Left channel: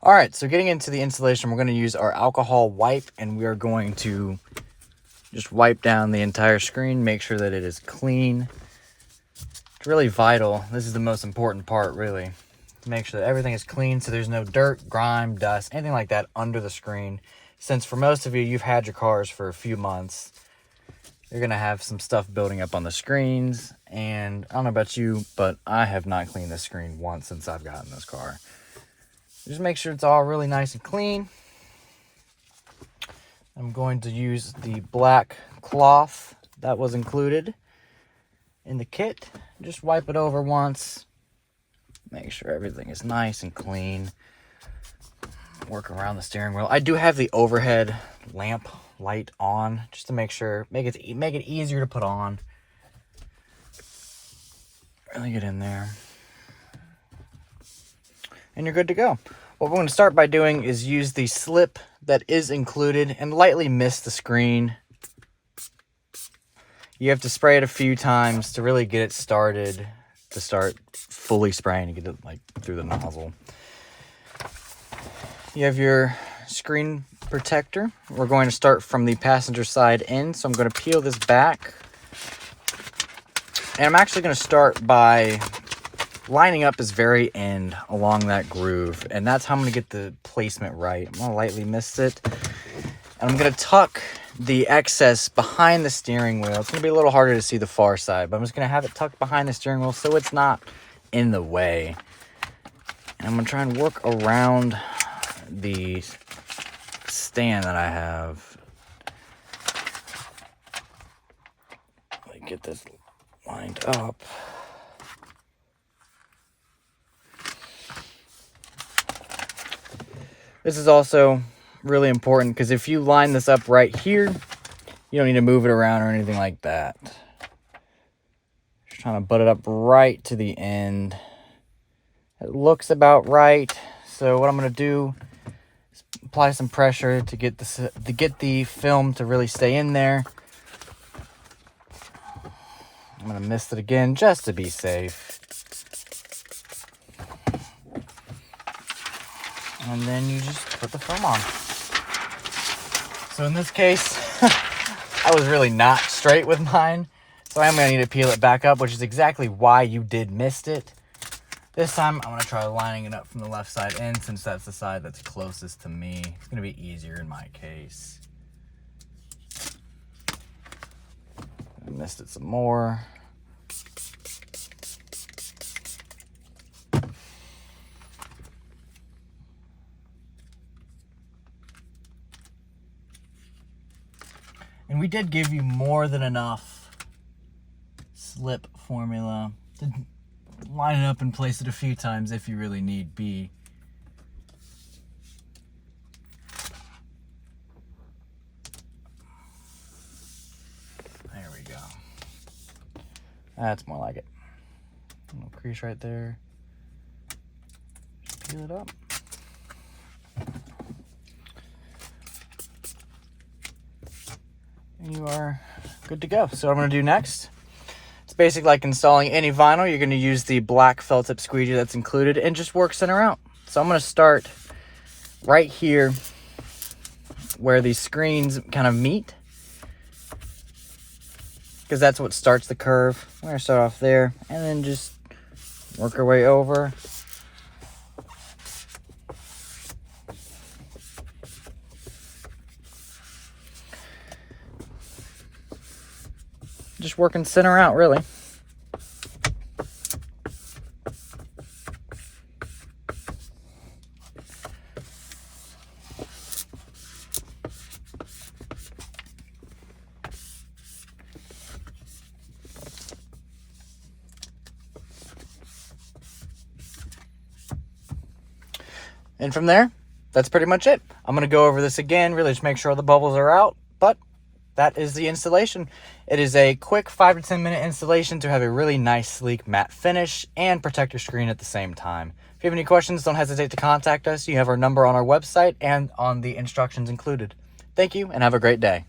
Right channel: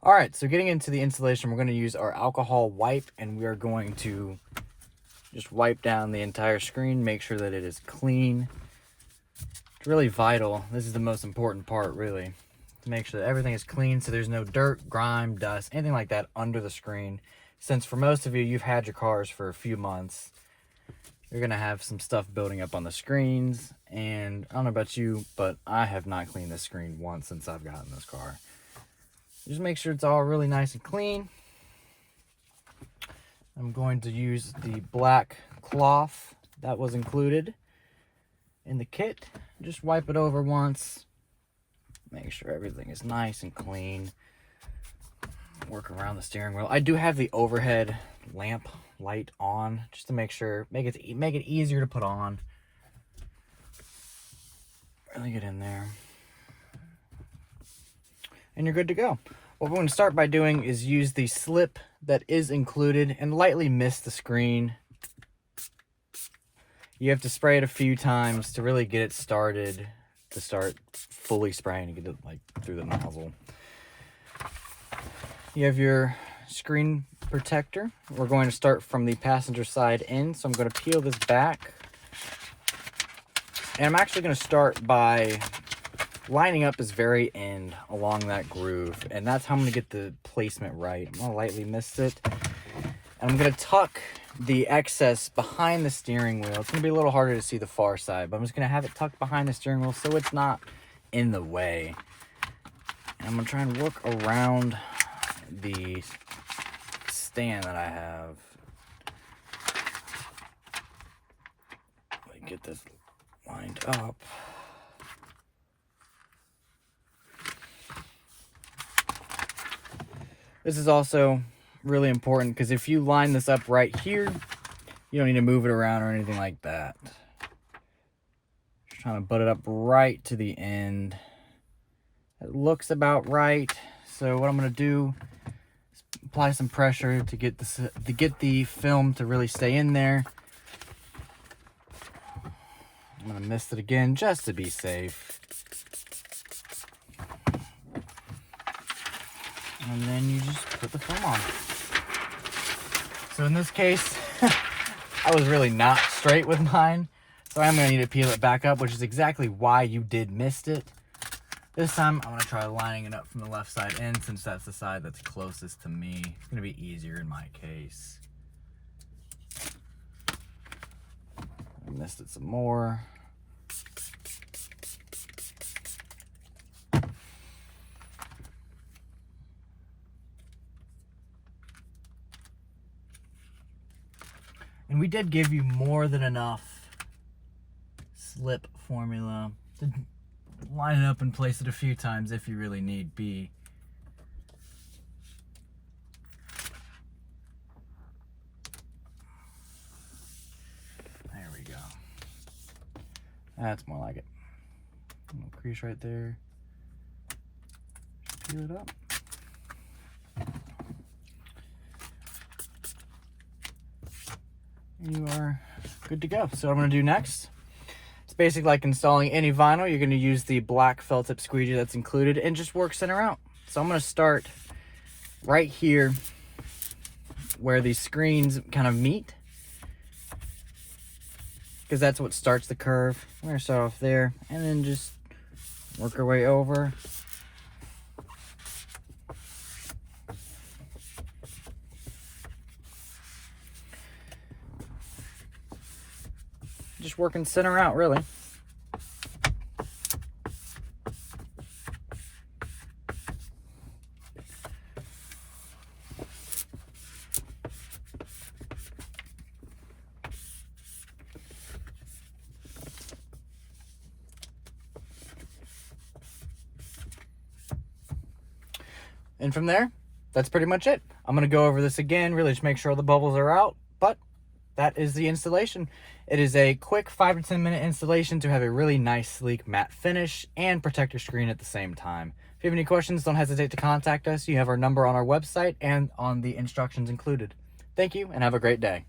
All right, so getting into the installation, we're going to use our alcohol wipe, and we are going to just wipe down the entire screen, make sure that it is clean. It's really vital. This is the most important part, really, to make sure that everything is clean so there's no dirt, grime, dust, anything like that under the screen. Since for most of you, you've had your cars for a few months, you're going to have some stuff building up on the screens, and I don't know about you, but I have not cleaned this screen once since I've gotten this car. Just make sure it's all really nice and clean. I'm going to use the black cloth that was included in the kit. Just wipe it over once. Make sure everything is nice and clean. Work around the steering wheel. I do have the overhead lamp light on just to make sure, make it easier to put on. Really get in there. And you're good to go. What we're going to start by doing is use the slip that is included and lightly mist the screen. You have to spray it a few times to really get it started, to start fully spraying to get it like through the nozzle. You have your screen protector. We're going to start from the passenger side in, so I'm going to peel this back. And I'm actually going to start by lining up this very end along that groove, and that's how I'm going to get the placement right. I'm going to lightly mist it, and I'm going to tuck the excess behind the steering wheel. It's going to be a little harder to see the far side, but I'm just going to have it tucked behind the steering wheel so it's not in the way. And I'm going to try and work around the stand that I have. Let me get this lined up. This is also really important because if you line this up right here, you don't need to move it around or anything like that. Just trying to butt it up right to the end. It looks about right. So what I'm going to do is apply some pressure to get the film to really stay in there. I'm going to mist it again just to be safe. And then you just put the film on. So in this case, I was really not straight with mine. So I'm going to need to peel it back up, which is exactly why you did mist it. This time, I'm going to try lining it up from the left side in, since that's the side that's closest to me. It's going to be easier in my case. I missed it some more. And we did give you more than enough slip formula to line it up and place it a few times if you really need be. There we go. That's more like it. A little crease right there. Just peel it up. And you are good to go. So what I'm going to do next, it's basically like installing any vinyl. You're going to use the black felt tip squeegee that's included and just work center out. So I'm going to start right here where these screens kind of meet, because that's what starts the curve. I'm going to start off there and then just work our way over. Just working center out, really. And from there, that's pretty much it. I'm going to go over this again, really just make sure the bubbles are out, but that is the installation. It is a quick 5 to 10 minute installation to have a really nice, sleek matte finish and protect your screen at the same time. If you have any questions, don't hesitate to contact us. You have our number on our website and on the instructions included. Thank you and have a great day.